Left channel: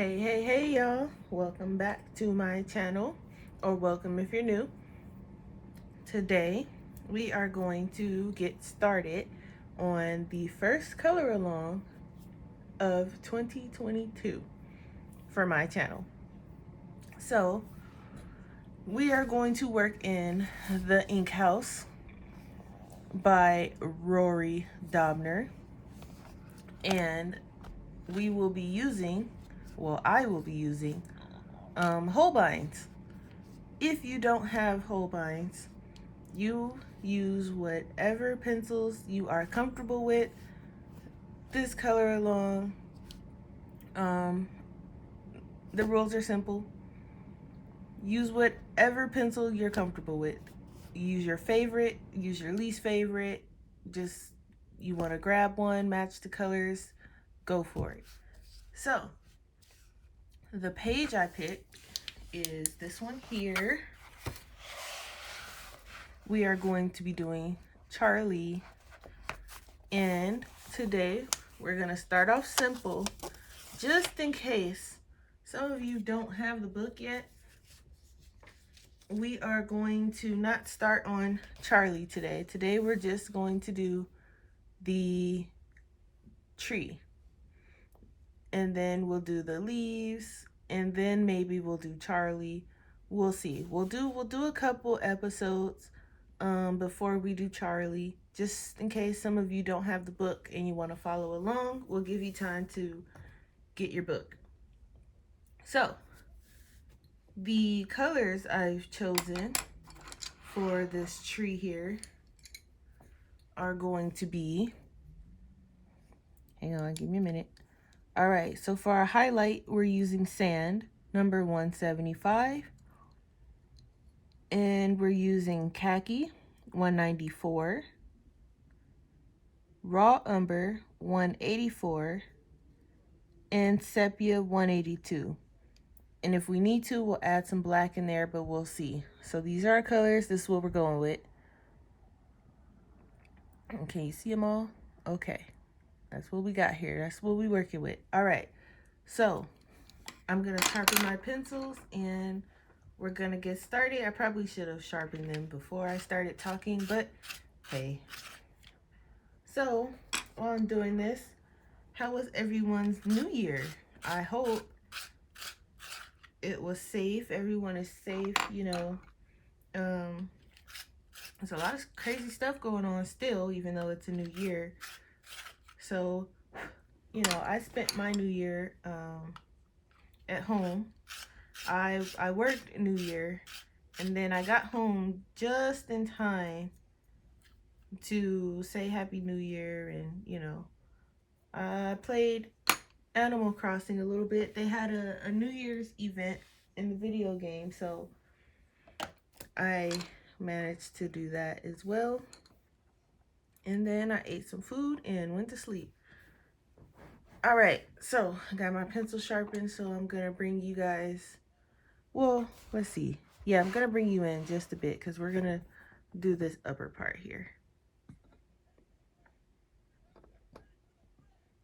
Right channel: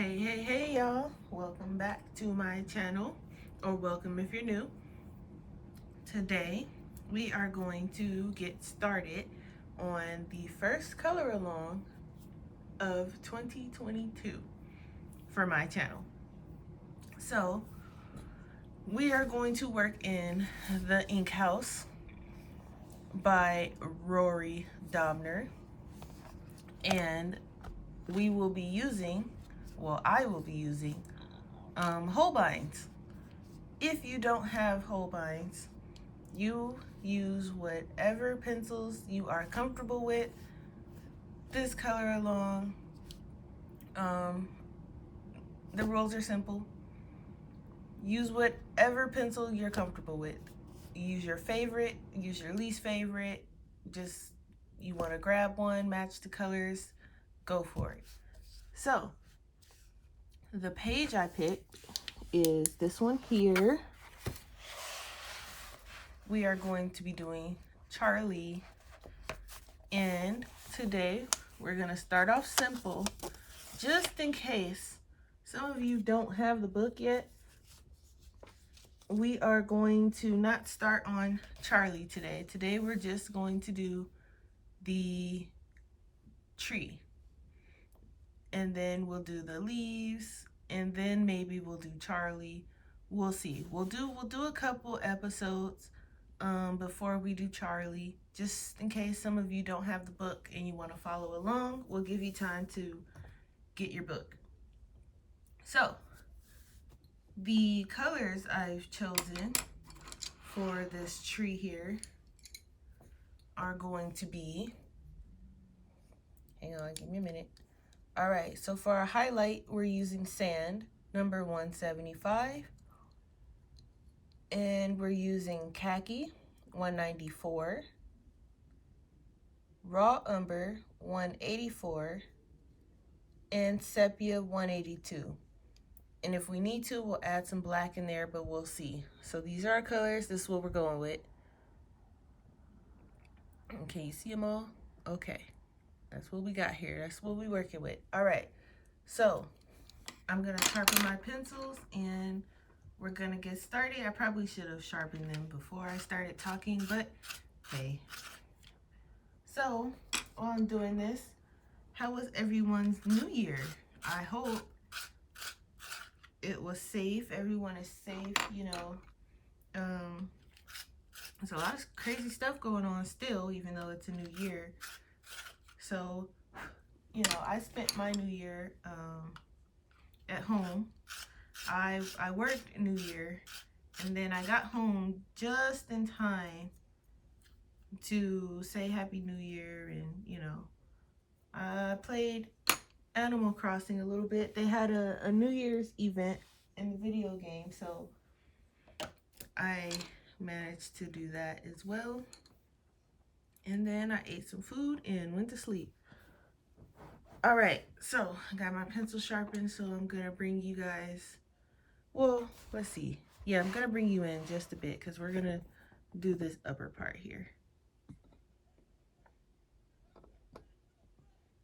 Hey y'all, welcome back to my channel, or welcome if you're new. Today we are going to get started on the first color along of 2022 for my channel. So we are going to work in The Ink House by Rory Dobner, and we will be using, I will be using Holbeins. If you don't have Holbeins, you use whatever pencils you are comfortable with. This color along, the rules are simple. Use whatever pencil you're comfortable with. Use your favorite, use your least favorite. Just, you want to grab one, match the colors, go for it. So, the page I picked is this one here. We are going to be doing Charlie, and today we're going to start off simple, just in case some of you don't have the book yet. We are going to not start on Charlie today. Today we're just going to do the tree, and then we'll do the leaves, and then maybe we'll do Charlie. We'll see. We'll do a couple episodes before we do Charlie, just in case some of you don't have the book and you want to follow along. We'll give you time to get your book. So, the colors I've chosen for this tree here are going to be, hang on, give me a minute. All right, so for our highlight, we're using Sand, number 175. And we're using Khaki, 194. Raw Umber, 184. And Sepia, 182. And if we need to, we'll add some black in there, but we'll see. So these are our colors. This is what we're going with. Okay, you see them all? Okay. That's what we got here. That's what we're working with. All right. So I'm going to sharpen my pencils and we're going to get started. I probably should have sharpened them before I started talking, but hey. So while I'm doing this, how was everyone's New Year? I hope it was safe. Everyone is safe, you know. There's a lot of crazy stuff going on still, even though it's a new year. So, you know, I spent my New Year at home. I worked New Year, and then I got home just in time to say Happy New Year, and, you know, I played Animal Crossing a little bit. They had a New Year's event in the video game, so I managed to do that as well. And then I ate some food and went to sleep. All right, so I got my pencil sharpened, so I'm gonna bring you guys, well, let's see. Yeah, I'm gonna bring you in just a bit because we're gonna do this upper part here.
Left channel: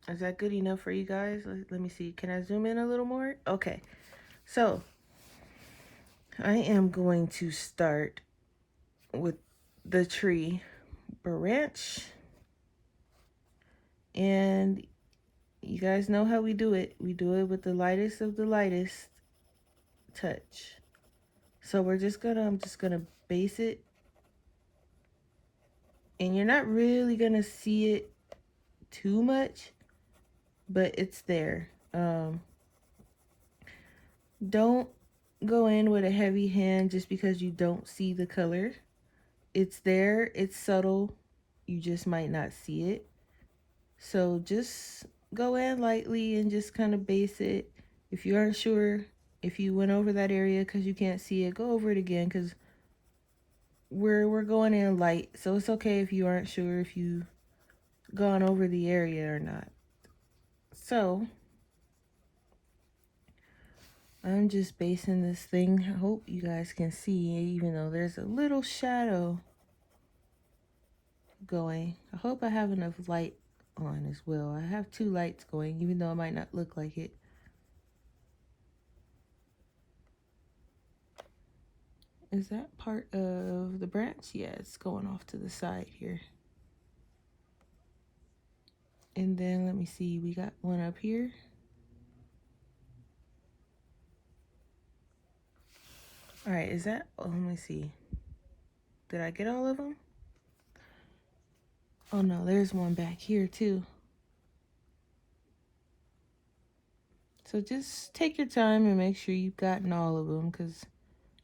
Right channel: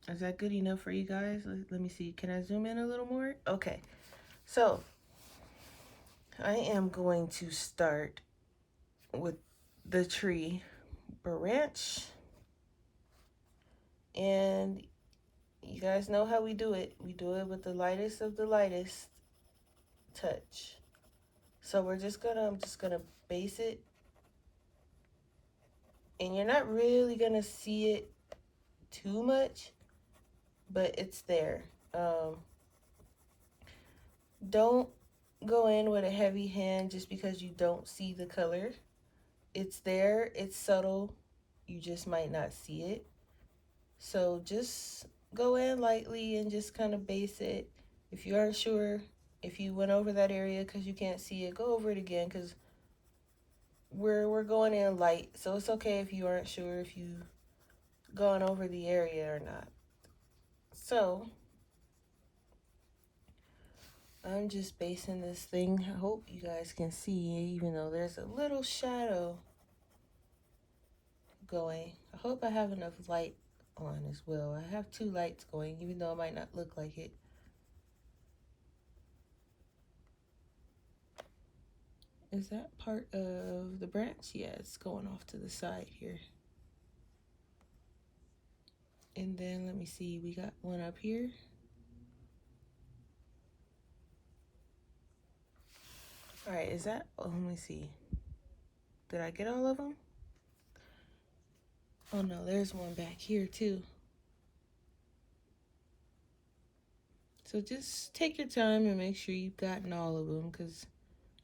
Is that good enough for you guys? Let me see. Can I zoom in a little more? Okay, so I am going to start with the tree branch, and you guys know how we do it. We do it with the lightest of the lightest touch. So I'm just gonna base it, and you're not really gonna see it too much, but it's there. Don't go in with a heavy hand just because you don't see the color. It's there, it's subtle, you just might not see it. So just go in lightly and just kind of base it. If you aren't sure, if you went over that area because you can't see it, go over it again, because we're going in light. So it's okay if you aren't sure if you gone over the area or not. So I'm just basing this thing. I hope you guys can see, even though there's a little shadow going. I hope I have enough light on as well. I have two lights going, even though it might not look like it. Is that part of the branch? Yeah, it's going off to the side here. And then let me see, we got one up here. All right, is that, oh, let me see. Did I get all of them? Oh no, there's one back here too. So just take your time and make sure you've gotten all of them, because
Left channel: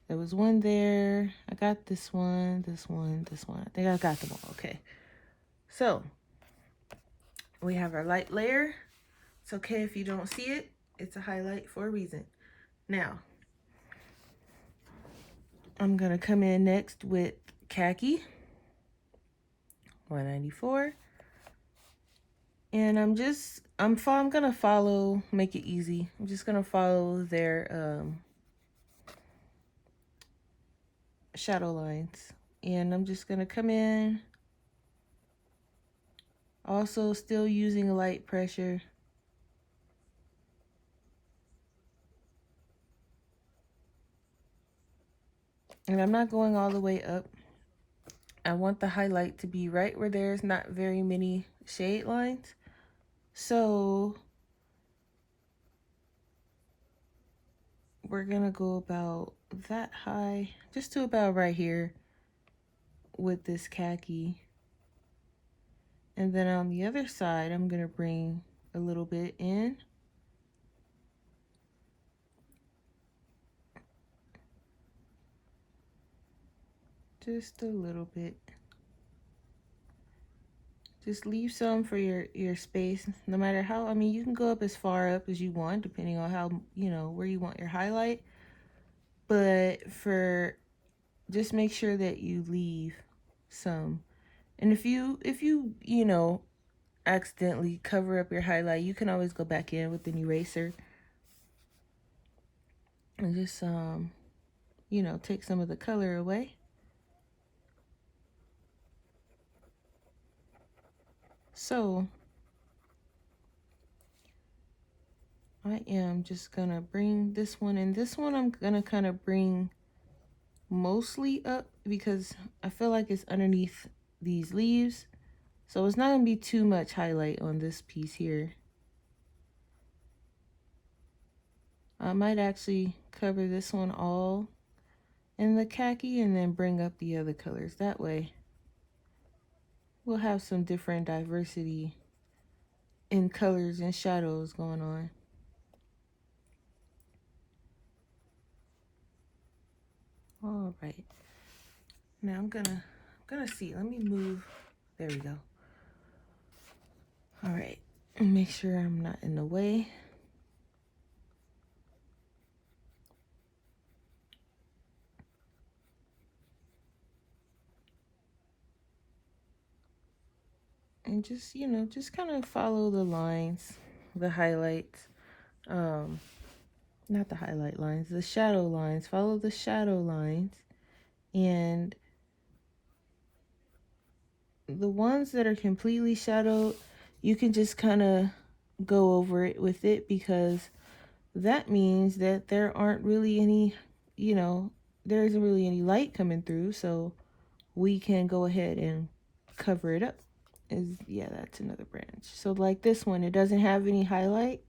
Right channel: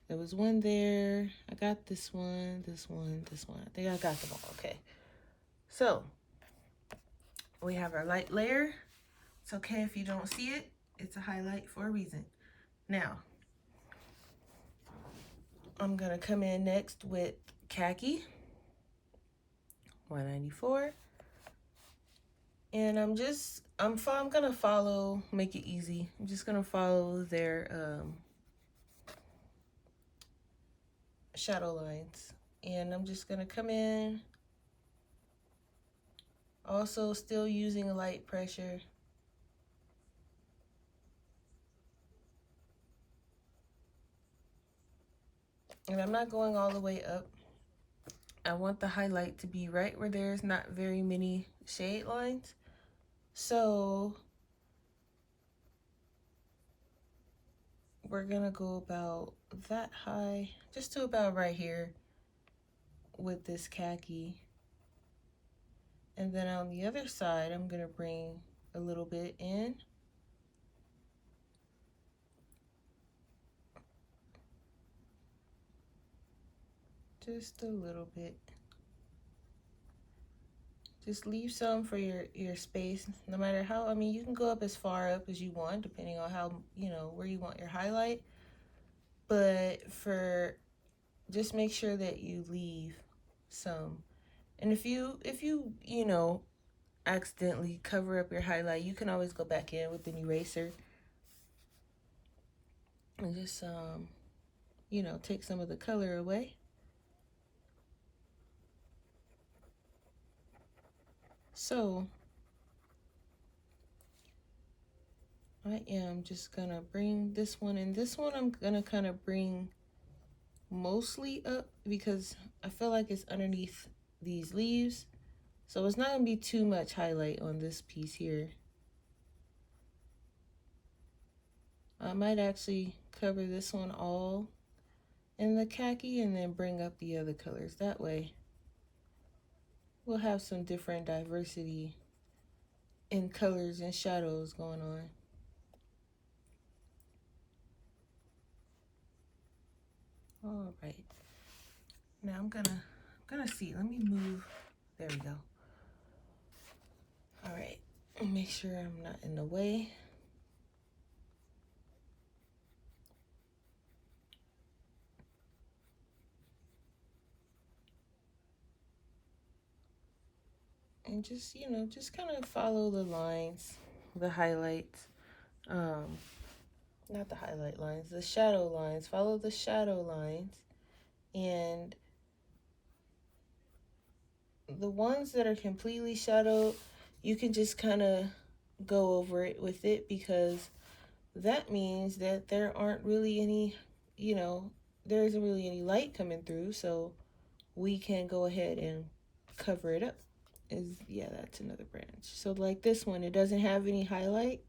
there was one there. I got this one, this one, this one. I think I got them all. Okay. So we have our light layer. It's okay if you don't see it. It's a highlight for a reason. Now, I'm going to come in next with Khaki 194. And I'm going to follow, make it easy. I'm just going to follow their shadow lines. And I'm just going to come in, also still using light pressure. And I'm not going all the way up. I want the highlight to be right where there's not very many shade lines. So we're gonna go about that high, just to about right here with this Khaki. And then on the other side, I'm gonna bring a little bit in. Just a little bit. Just leave some for your space, no matter how, I mean, you can go up as far up as you want, depending on how, you know, where you want your highlight. But just make sure that you leave some. And if you, you know, accidentally cover up your highlight, you can always go back in with an eraser and just, you know, take some of the color away. So I am just gonna bring this one, and this one I'm gonna kind of bring mostly up because I feel like it's underneath these leaves. So it's not gonna be too much highlight on this piece here. I might actually cover this one all in the Khaki and then bring up the other colors. That way we'll have some different diversity in colors and shadows going on. All right. Now I'm gonna see. Let me move. There we go. All right. And make sure I'm not in the way. And just, you know, just kind of follow the lines, the highlights. Not the highlight lines, the shadow lines. Follow the shadow lines. And the ones that are completely shadowed, you can just kind of go over it with it, because that means that there aren't really any, you know, there isn't really any light coming through, so we can go ahead and cover it up. Yeah, that's another branch. So like this one, it doesn't have any highlight,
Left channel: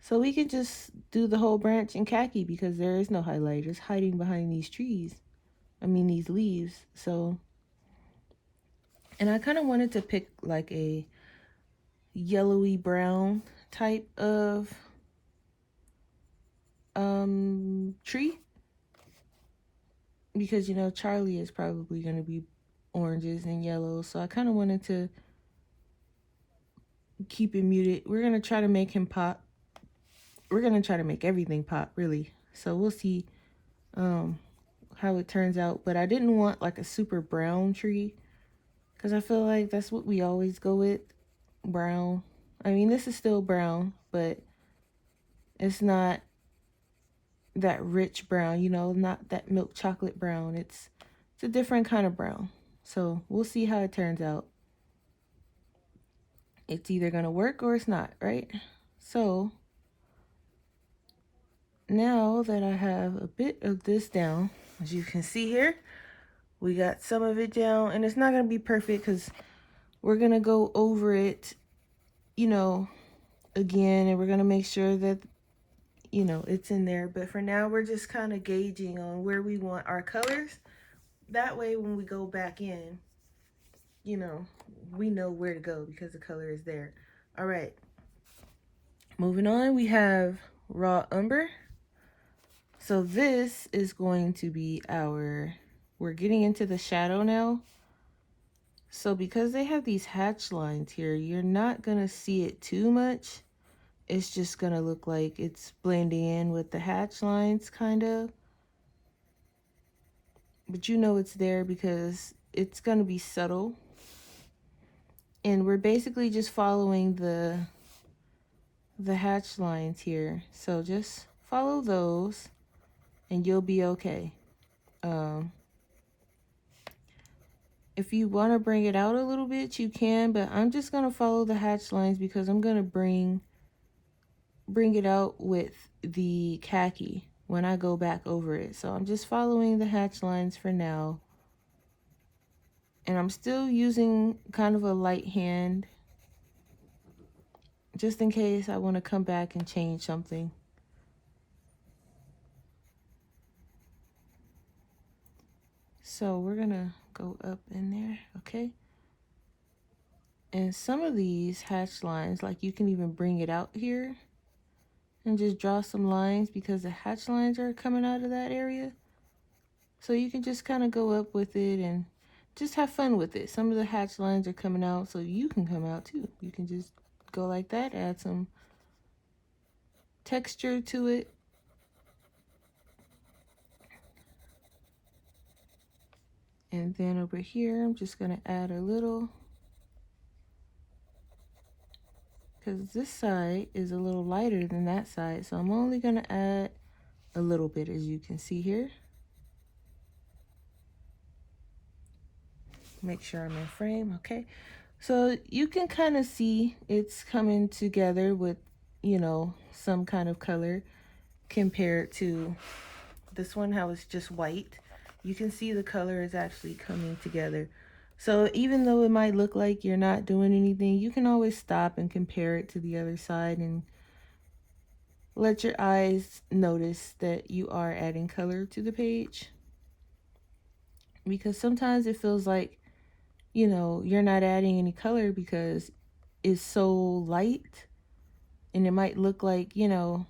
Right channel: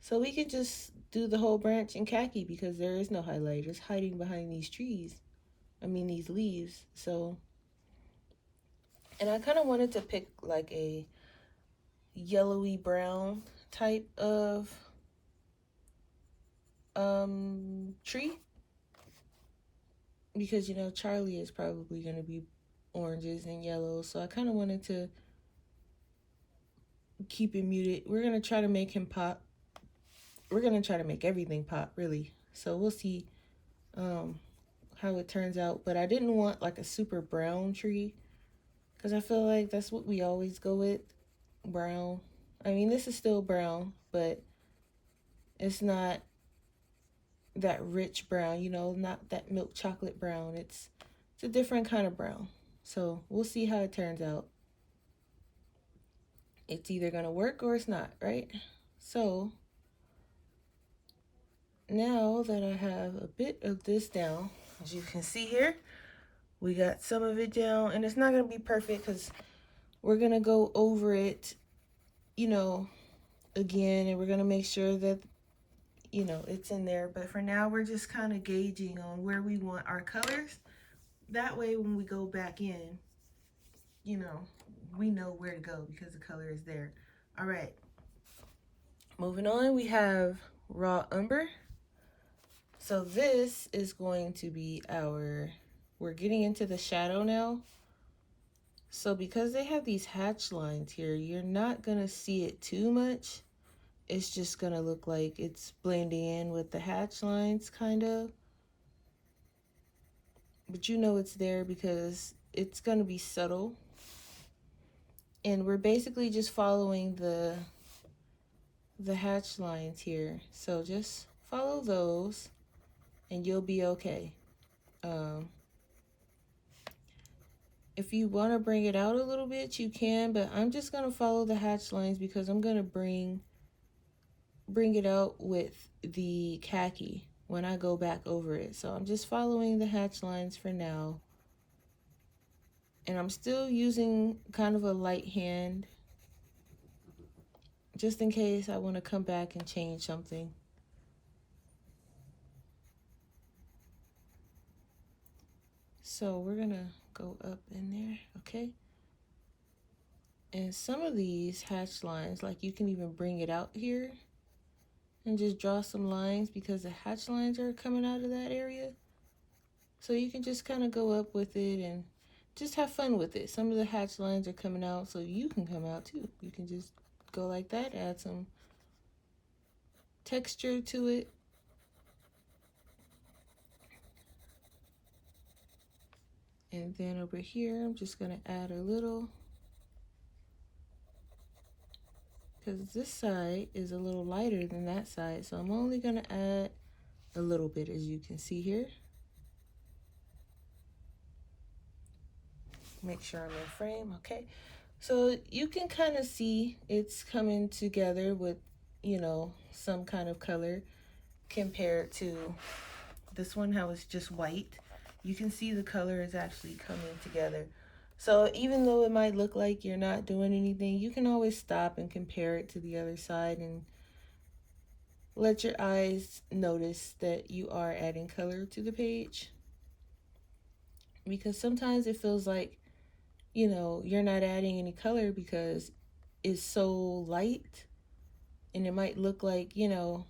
so we can just do the whole branch in Khaki because there is no highlight. It's hiding behind these trees. I mean, these leaves. So, and I kind of wanted to pick like a yellowy brown type of tree, because, you know, Charlie is probably going to be oranges and yellows. So I kind of wanted to keep it muted. We're going to try to make him pop. We're going to try to make everything pop, really. So we'll see how it turns out. But I didn't want like a super brown tree, because I feel like that's what we always go with, brown. I mean, this is still brown, but it's not that rich brown, you know, not that milk chocolate brown. It's a different kind of brown. So we'll see how it turns out. It's either gonna work or it's not, right? So now that I have a bit of this down, As you can see here, we got some of it down, and it's not going to be perfect because we're going to go over it, you know, again, and we're going to make sure that, you know, it's in there. But for now, we're just kind of gauging on where we want our colors. That way, when we go back in, you know, we know where to go because the color is there. All right. Moving on, we have raw umber. So this is going to be we're getting into the shadow now. So because they have these hatch lines here, you're not going to see it too much. It's just going to look like it's blending in with the hatch lines, kind of. But you know it's there because it's going to be subtle. And we're basically just following the hatch lines here. So just follow those and you'll be okay. If you want to bring it out a little bit, you can, but I'm just going to follow the hatch lines because I'm going to bring it out with the khaki when I go back over it. So I'm just following the hatch lines for now. And I'm still using kind of a light hand just in case I want to come back and change something. So we're going to go up in there, okay? And some of these hatch lines, like you can even bring it out here and just draw some lines because the hatch lines are coming out of that area. So you can just kind of go up with it and just have fun with it. Some of the hatch lines are coming out, so you can come out too. You can just go like that, add some texture to it. And then over here, I'm just going to add a little, because this side is a little lighter than that side. So I'm only going to add a little bit, as you can see here. Make sure I'm in frame, okay? So you can kind of see it's coming together with, you know, some kind of color compared to this one, how it's just white. You can see the color is actually coming together. So even though it might look like you're not doing anything, you can always stop and compare it to the other side and let your eyes notice that you are adding color to the page. Because sometimes it feels like, you know, you're not adding any color because it's so light and it might look like, you know,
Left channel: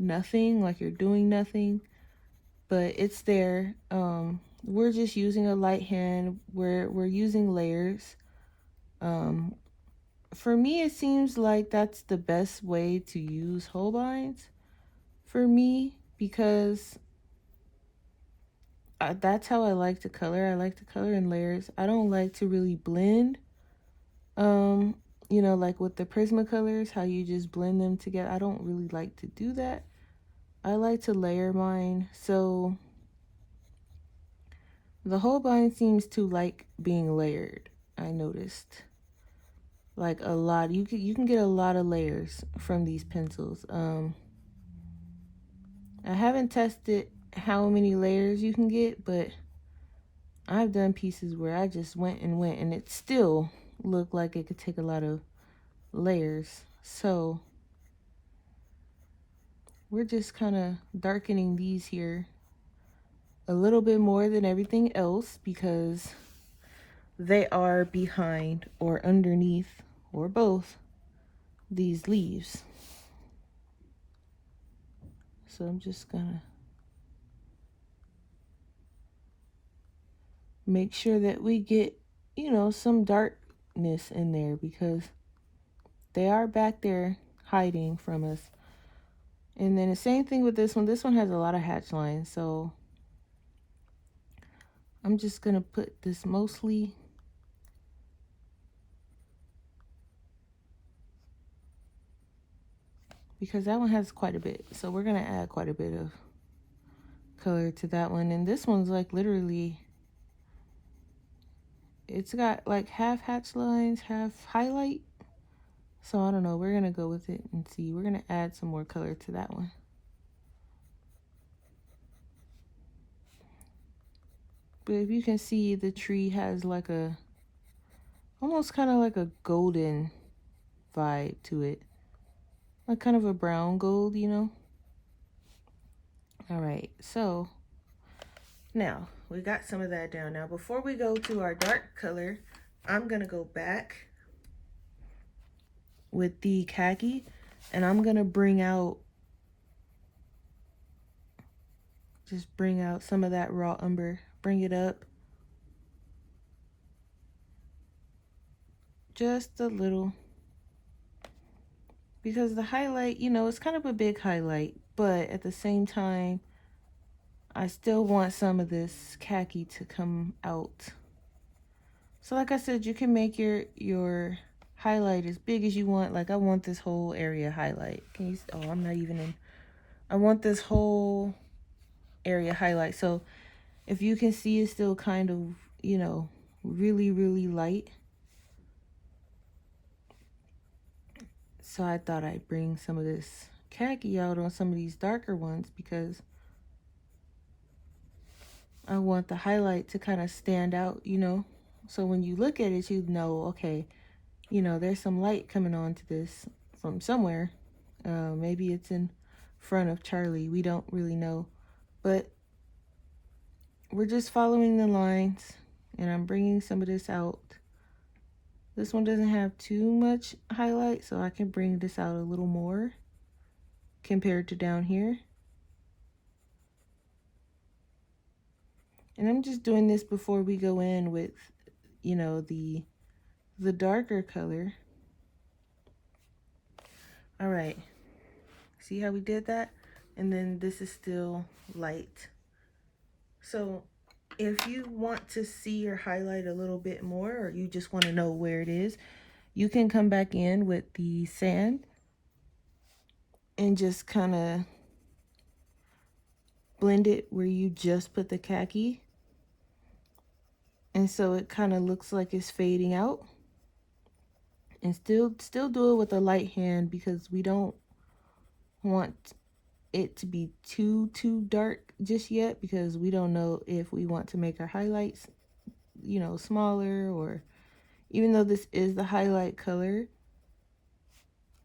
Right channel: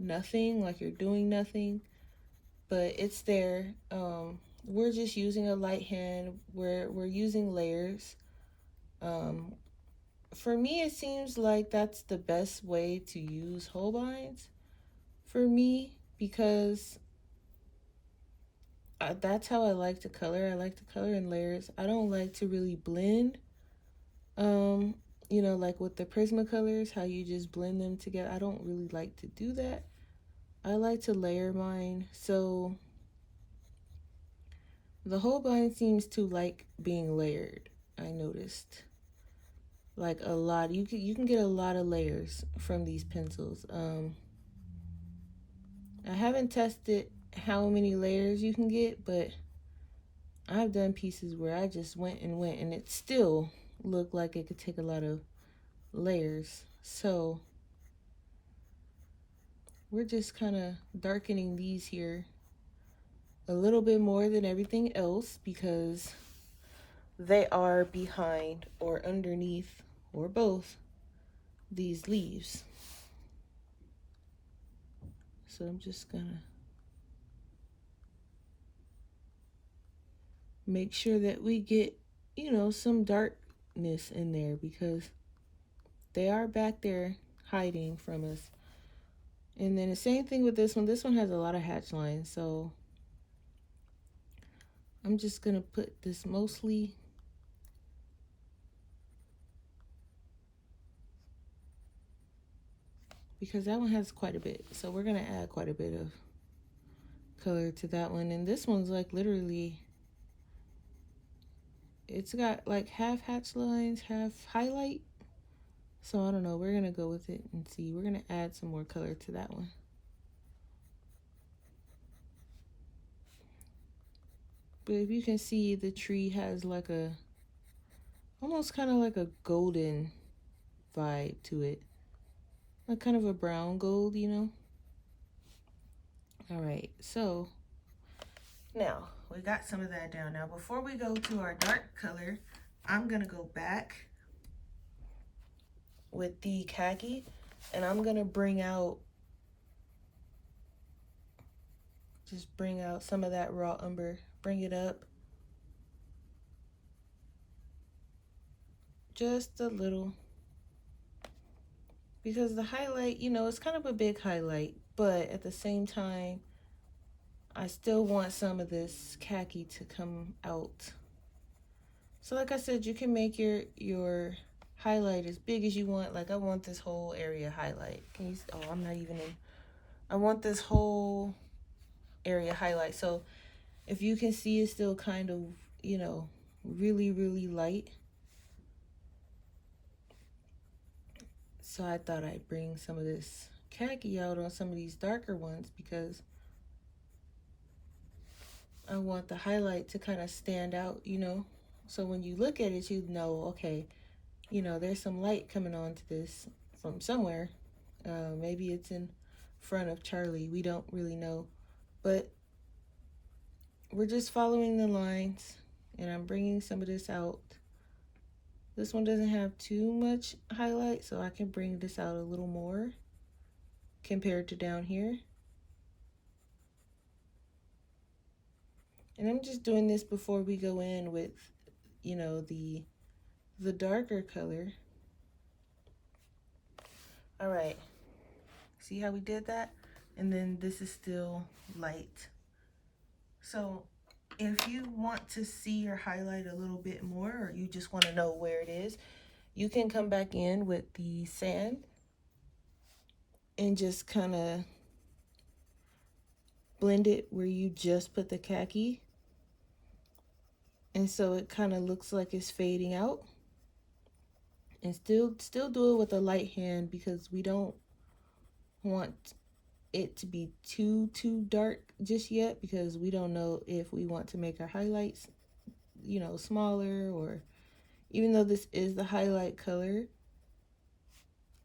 nothing, like you're doing nothing, but it's there. We're just using a light hand. We're using layers. For me, it seems like that's the best way to use Holbeins for me because that's how I like to color. I like to color in layers. I don't like to really blend. You know, like with the Prismacolors, how you just blend them together. I don't really like to do that. I like to layer mine. So the Holbein seems to like being layered. I noticed like a lot. You can get a lot of layers from these pencils. I haven't tested how many layers you can get, but I've done pieces where I just went and it still looked like it could take a lot of layers. So we're just kind of darkening these here a little bit more than everything else because they are behind or underneath or both these leaves. So I'm just gonna make sure that we get, you know, some darkness in there because they are back there hiding from us. And then the same thing with this one. This one has a lot of hatch lines, so I'm just gonna put this mostly because that one has quite a bit. So we're gonna add quite a bit of color to that one. And this one's like literally, it's got like half hatch lines, half highlight. So I don't know, we're gonna go with it and see. We're gonna add some more color to that one. But if you can see, the tree has like a, almost kind of like a golden vibe to it. Like kind of a brown gold, you know? All right, so now we got some of that down. Now before we go to our dark color, I'm gonna go back with the khaki and I'm gonna just bring out some of that raw umber, bring it up just a little, because the highlight, you know, it's kind of a big highlight, but at the same time, I still want some of this khaki to come out. So like I said, you can make your highlight as big as you want. Like I want this whole area highlight. Can you, oh, I'm not even in. I want this whole area highlight. So if you can see, it's still kind of, you know, really, really light. So I thought I'd bring some of this khaki out on some of these darker ones because I want the highlight to kind of stand out, you know. So when you look at it, you know, okay, you know, there's some light coming onto this from somewhere. Maybe it's in front of Charlie. We don't really know. But we're just following the lines, and I'm bringing some of this out. This one doesn't have too much highlight, so I can bring this out a little more compared to down here. And I'm just doing this before we go in with, you know, the darker color. All right, see how we did that? And then this is still light. So if you want to see your highlight a little bit more, or you just want to know where it is, you can come back in with the sand and just kind of blend it where you just put the khaki. And so it kind of looks like it's fading out. And still do it with a light hand because we don't want it to be too dark just yet, because we don't know if we want to make our highlights, you know, smaller, or even though this is the highlight color,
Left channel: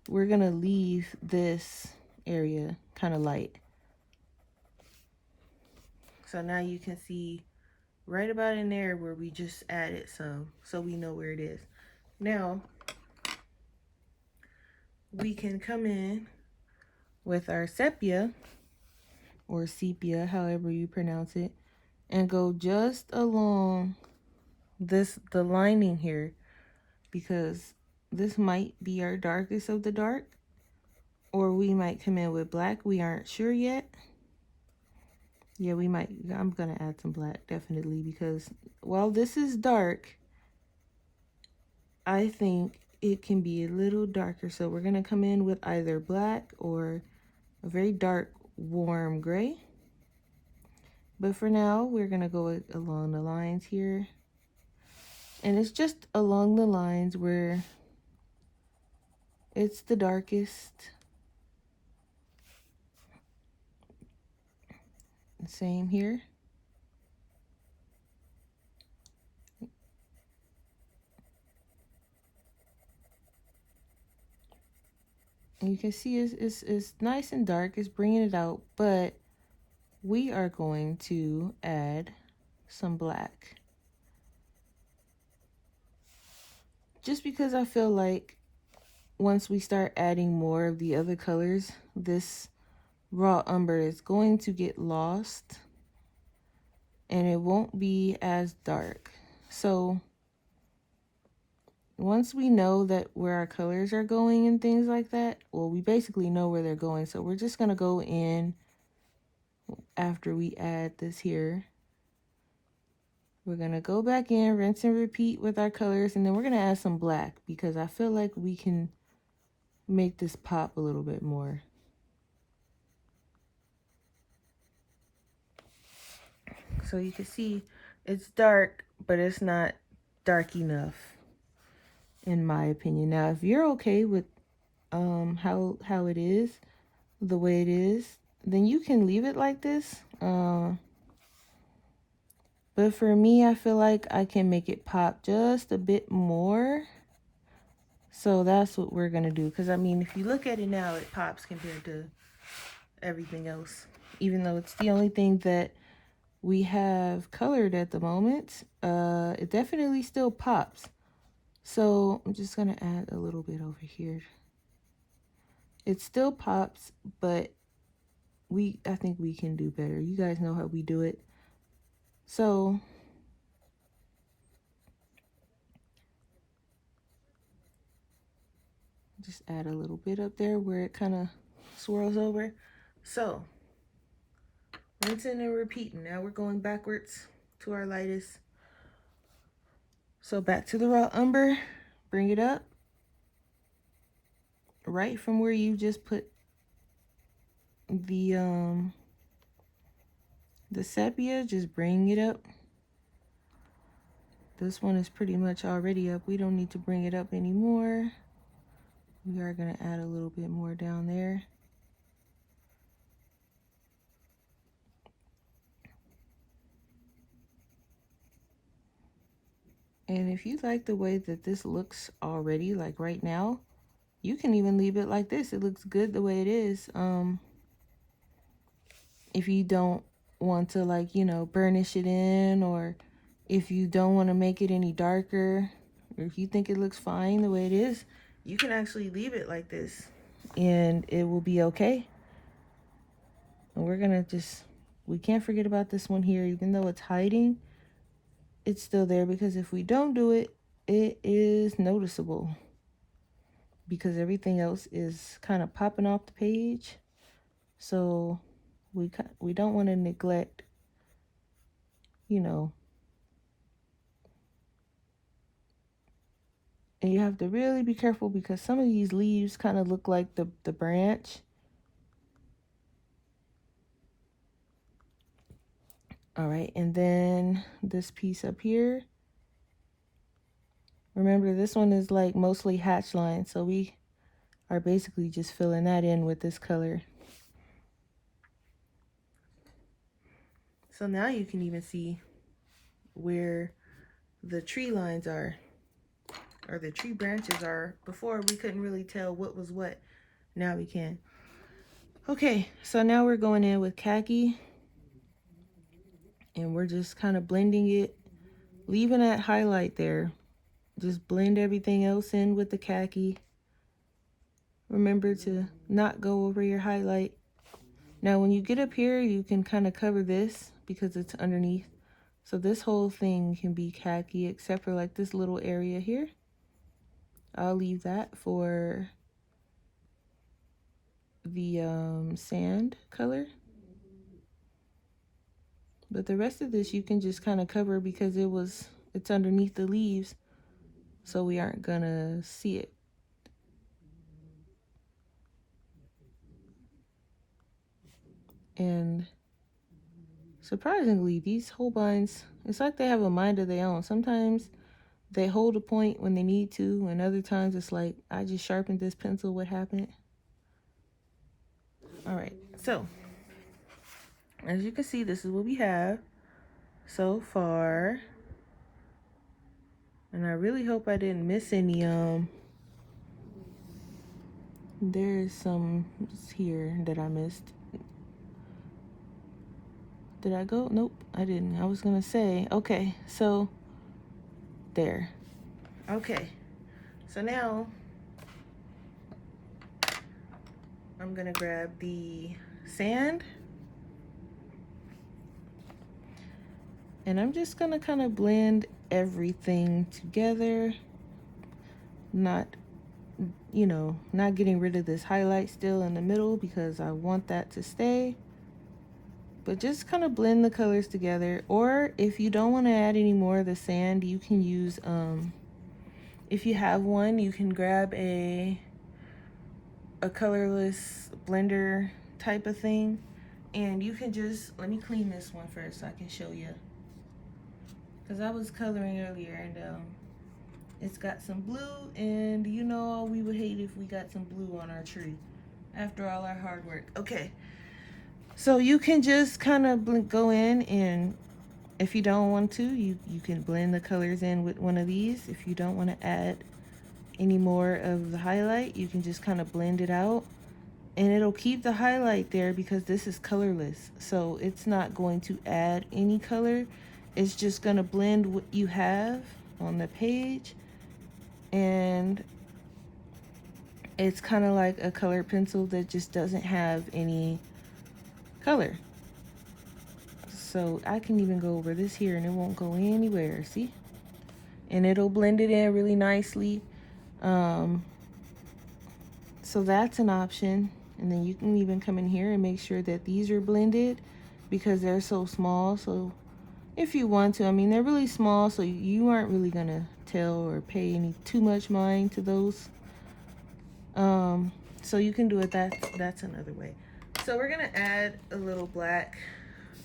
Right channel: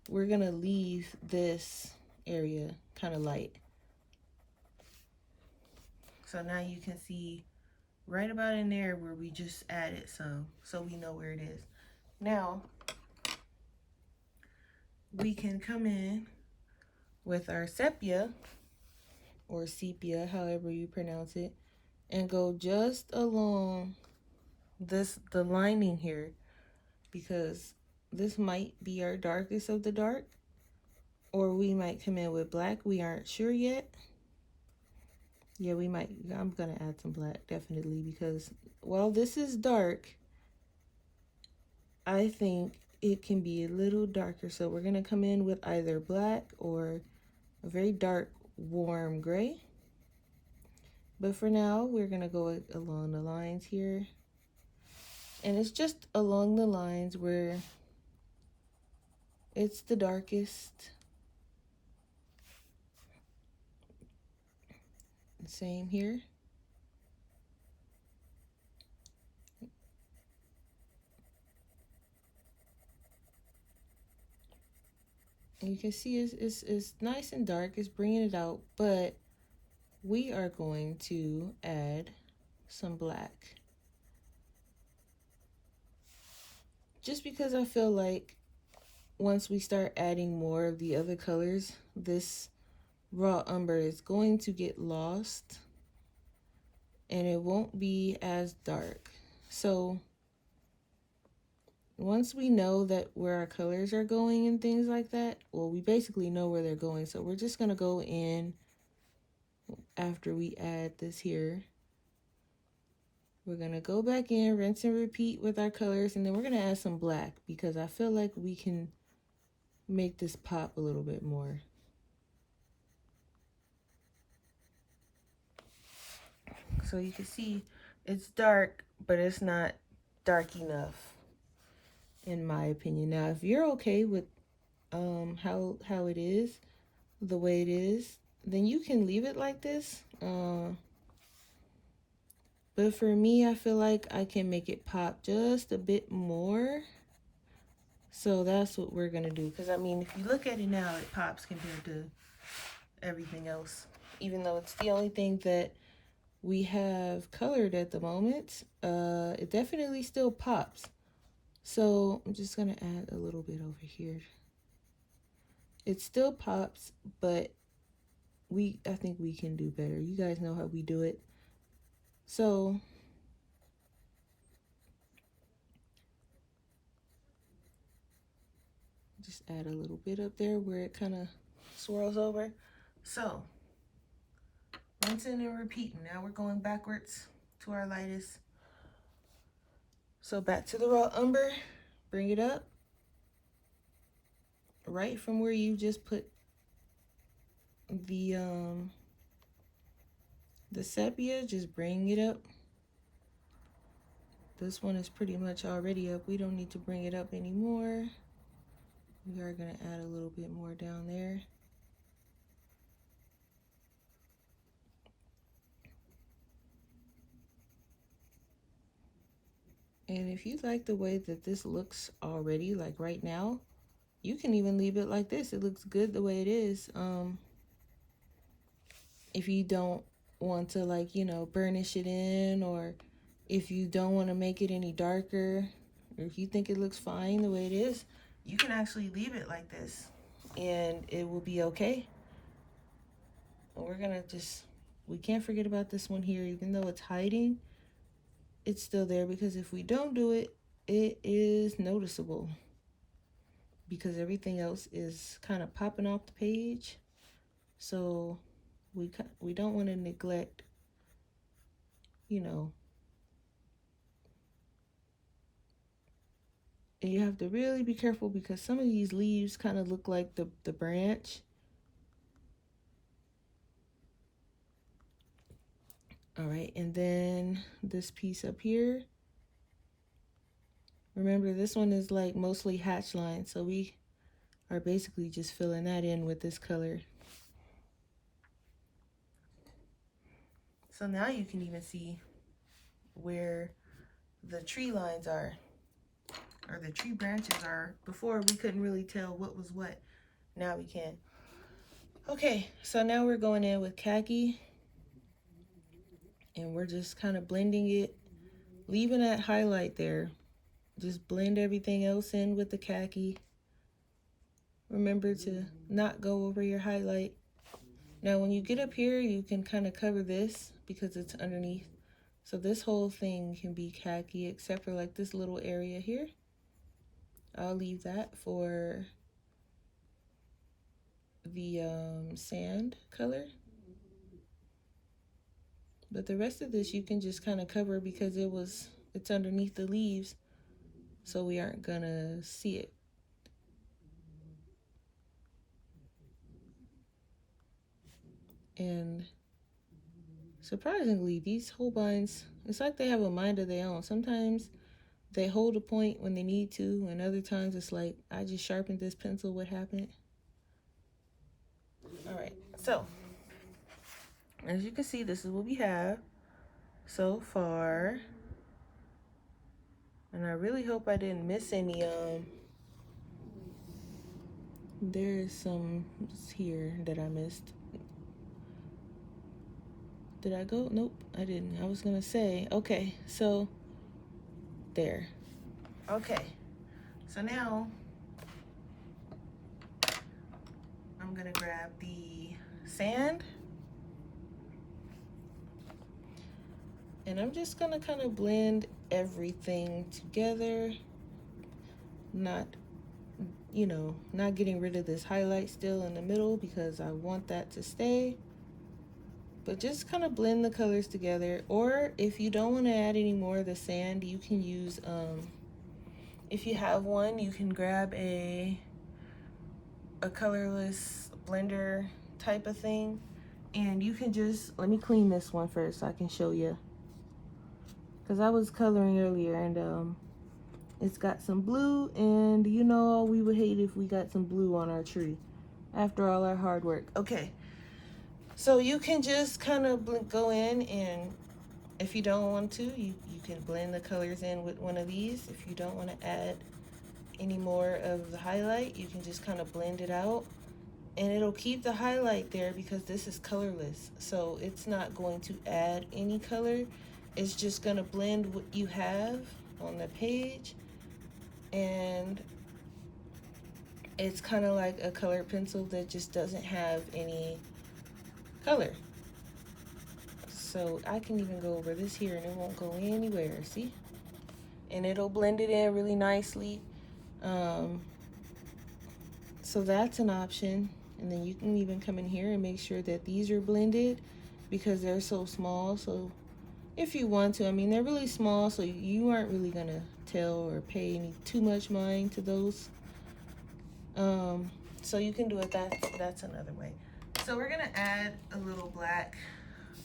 we're gonna leave this area kind of light. So now you can see right about in there where we just added some, so we know where it is. Now we can come in with our sepia, or sepia, however you pronounce it, and go just along the lining here, because this might be our darkest of the dark, or we might come in with black. We aren't sure yet. Yeah, we might. I'm gonna add some black, definitely, because while this is dark, I think it can be a little darker. So we're gonna come in with either black or a very dark warm gray. But for now, we're gonna go along the lines here. And it's just along the lines where it's the darkest. Same here. And you can see it's nice and dark. It's bringing it out, but we are going to add some black. Just because I feel like once we start adding more of the other colors, this raw umber is going to get lost and it won't be as dark. So once we know that where our colors are going and things like that, well, we basically know where they're going. So we're just gonna go in after we add this here. We're gonna go back in, rinse and repeat with our colors, and then we're gonna add some black because I feel like we can make this pop a little bit more. So you can see it's dark, but it's not dark enough, in my opinion. Now, if you're okay with how it is, the way it is, then you can leave it like this. But for me, I feel like I can make it pop just a bit more. So that's what we're gonna do. Because I mean, if you look at it now, it pops compared to everything else. Even though it's the only thing that we have colored at the moment, it definitely still pops. So I'm just gonna add a little bit over here. It still pops, but I think we can do better. You guys know how we do it. So just add a little bit up there where it kind of swirls over. So rinsing and repeating. Now we're going backwards to our lightest. So back to the raw umber, bring it up right from where you just put the sepia, just bring it up. This one is pretty much already up. We don't need to bring it up anymore. We are going to add a little bit more down there. And if you like the way that this looks already, like right now, you can even leave it like this. It looks good the way it is. If you don't want to, like, you know, burnish it in, or if you don't want to make it any darker, or if you think it looks fine the way it is, you can actually leave it like this and it will be okay. And we're gonna just, we can't forget about this one here. Even though it's hiding, it's still there, because if we don't do it, it is noticeable, because everything else is kind of popping off the page. So we don't want to neglect, you know. And you have to really be careful, because some of these leaves kind of look like the branch. All right, and then this piece up here. Remember, this one is like mostly hatch line, so we are basically just filling that in with this color. So now you can even see where the tree lines are, or the tree branches are. Before we couldn't really tell what was what. Now we can. Okay, so now we're going in with khaki, and we're just kind of blending it, leaving that highlight there. Just blend everything else in with the khaki. Remember to not go over your highlight. Now when you get up here, you can kind of cover this because it's underneath. So this whole thing can be khaki, except for like this little area here. I'll leave that for the sand color. But the rest of this you can just kind of cover, because it's underneath the leaves, so we aren't gonna see it. And surprisingly, these Holbeins, it's like they have a mind of their own. Sometimes they hold a point when they need to, and other times it's like, I just sharpened this pencil, what happened? All right, so as you can see, this is what we have so far. And I really hope I didn't miss any. There's some here that I missed. Did I go? Nope, I didn't. I was gonna say, okay, so there. Okay, so now I'm gonna grab the sand, and I'm just gonna kind of blend everything together, not, you know, not getting rid of this highlight still in the middle, because I want that to stay. But just kind of blend the colors together. Or if you don't want to add any more of the sand, you can use, if you have one, you can grab a colorless blender type of thing, and you can just, let me clean this one first so I can show you, because I was coloring earlier, and it's got some blue, and you know, we would hate if we got some blue on our tree after all our hard work. Okay, so you can just kind of go in and If you don't want to, you can blend the colors in with one of these. If you don't want to add any more of the highlight, you can just kind of blend it out. And it'll keep the highlight there because this is colorless. So it's not going to add any color. It's just going to blend what you have on the page. And it's kind of like a color pencil that just doesn't have any color. So I can even go over this here and it won't go anywhere, see? And it'll blend it in really nicely. So that's an option. And then you can even come in here and make sure that these are blended because they're so small. So if you want to, I mean, they're really small, so you aren't really gonna tell or pay any too much mind to those. So you can do it that's another way. So we're gonna add a little black.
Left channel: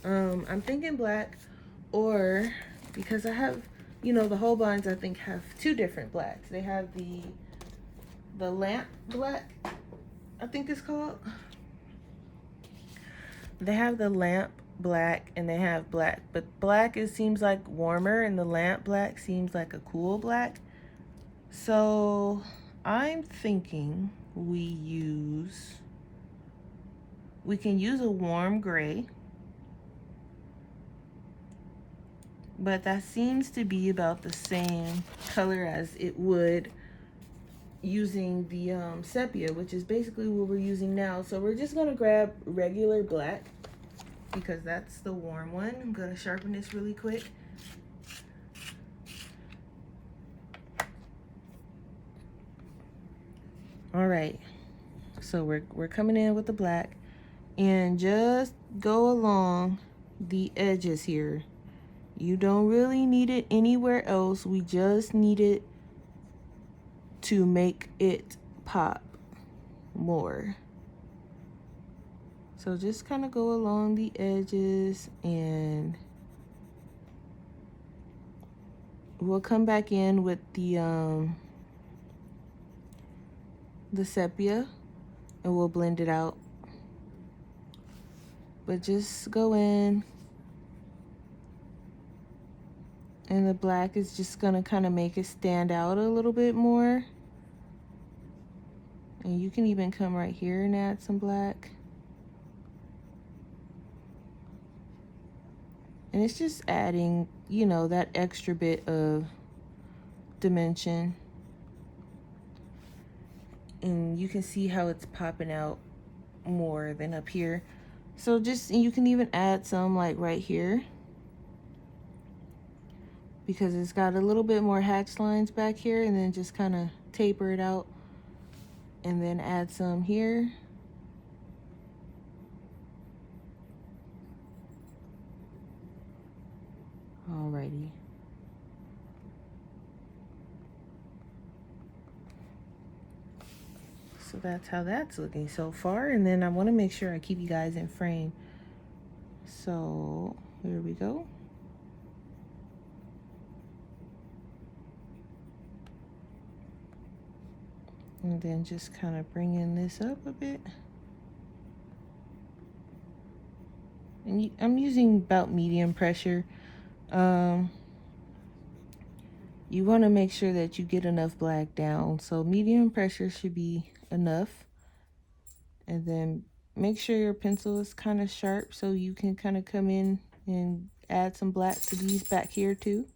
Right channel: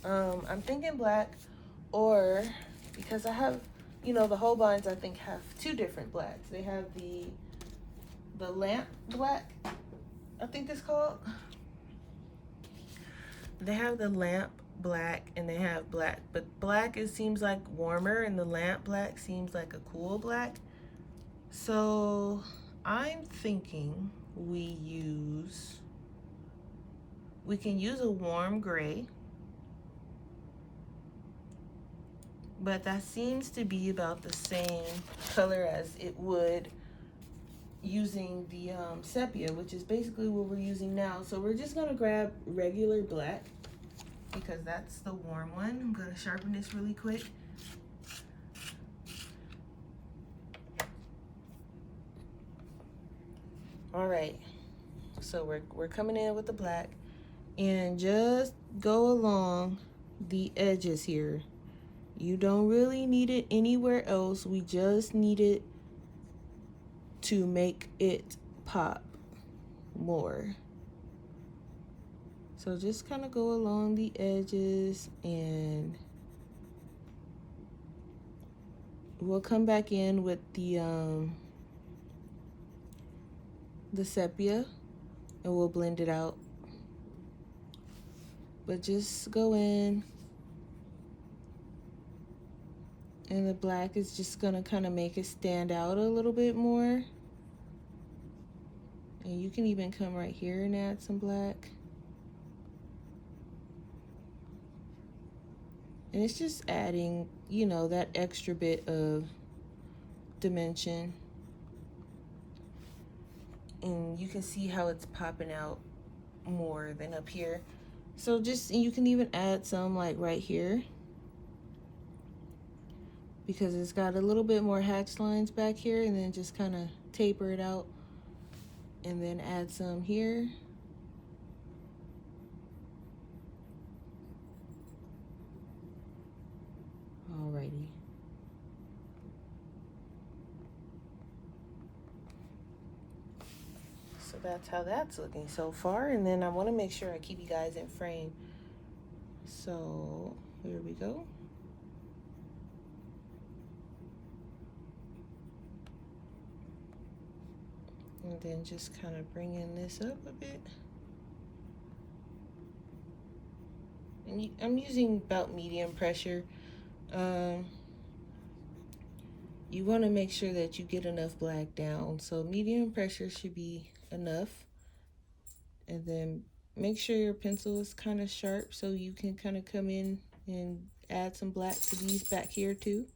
I'm thinking black, or because I have, you know, the Holbeins I think have two different blacks. They have the lamp black, I think it's called. They have the lamp black and they have black, but black seems like warmer and the lamp black seems like a cool black. So I'm thinking we can use a warm gray, but that seems to be about the same color as it would using the sepia, which is basically what we're using now. So we're just gonna grab regular black because that's the warm one. I'm gonna sharpen this really quick. All right, so we're coming in with the black and just go along the edges here. You don't really need it anywhere else. We just need it to make it pop more. So just kind of go along the edges and we'll come back in with the sepia and we'll blend it out. But just go in, and the black is just gonna kind of make it stand out a little bit more. And you can even come right here and add some black. And it's just adding, you know, that extra bit of dimension. And you can see how it's popping out more than up here. So just, you can even add some like right here, because it's got a little bit more hatch lines back here, and then just kind of taper it out and then add some here. Alrighty. So that's how that's looking so far, and then I want to make sure I keep you guys in frame. So here we go. And then just kind of bringing this up a bit. And I'm using about medium pressure. You want to make sure that you get enough black down. So medium pressure should be enough. And then make sure your pencil is kind of sharp so you can kind of come in and add some black to these back here too,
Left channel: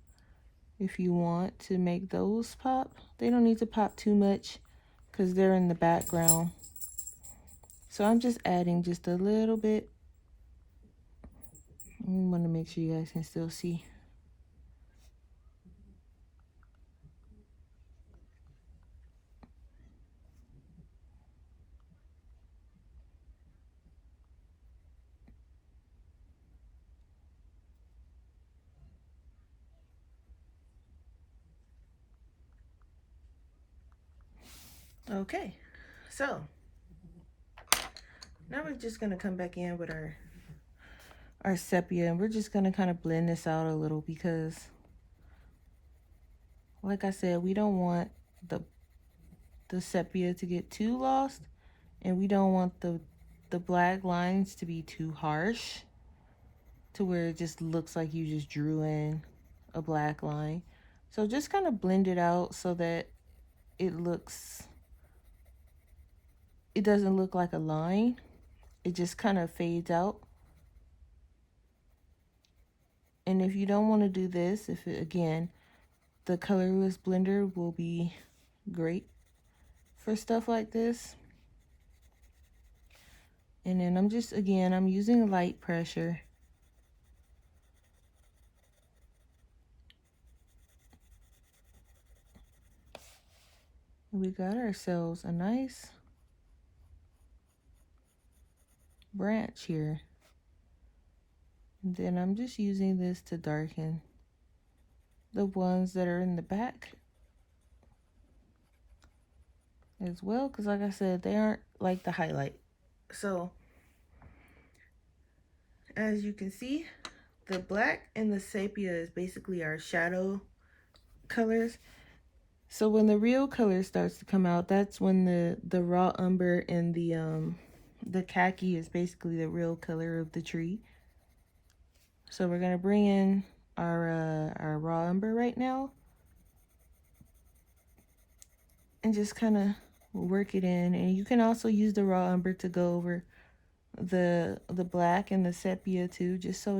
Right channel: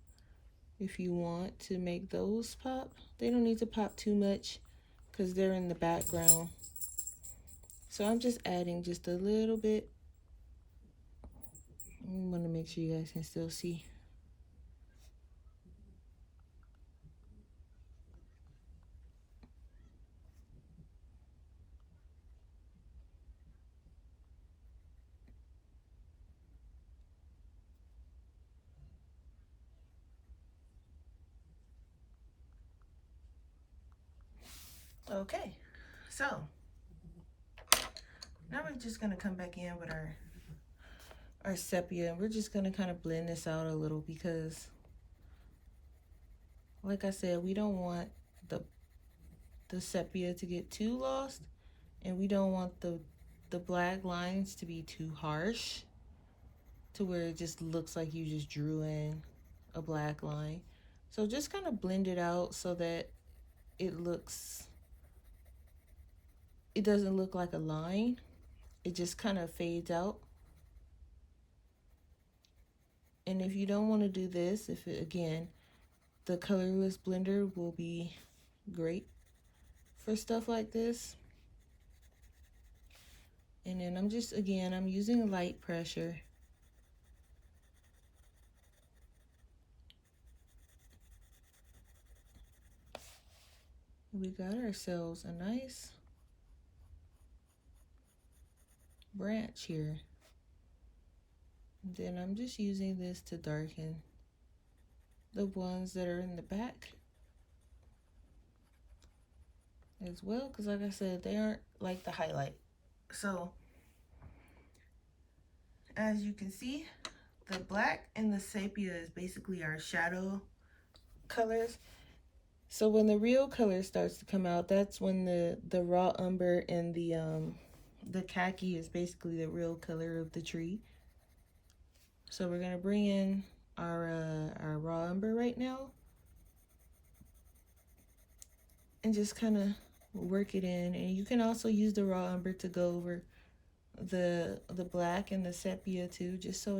if you want to make those pop. They don't need to pop too much because they're in the background. So I'm just adding just a little bit. I want to make sure you guys can still see. Okay, so now we're just gonna come back in with our sepia, and we're just gonna kind of blend this out a little because, like I said, we don't want the sepia to get too lost, and we don't want the black lines to be too harsh to where it just looks like you just drew in a black line. So just kind of blend it out so that it doesn't look like a line. It just kind of fades out. And if you don't want to do this, again, the colorless blender will be great for stuff like this. And then I'm using light pressure. We got ourselves a nice branch here. And then I'm just using this to darken the ones that are in the back as well, because like I said, they aren't like the highlight. So as you can see, the black and the sepia is basically our shadow colors. So when the real color starts to come out, that's when the raw umber and the khaki is basically the real color of the tree. So we're gonna bring in our raw umber right now, and just kind of work it in. And you can also use the raw umber to go over the black and the sepia too, just so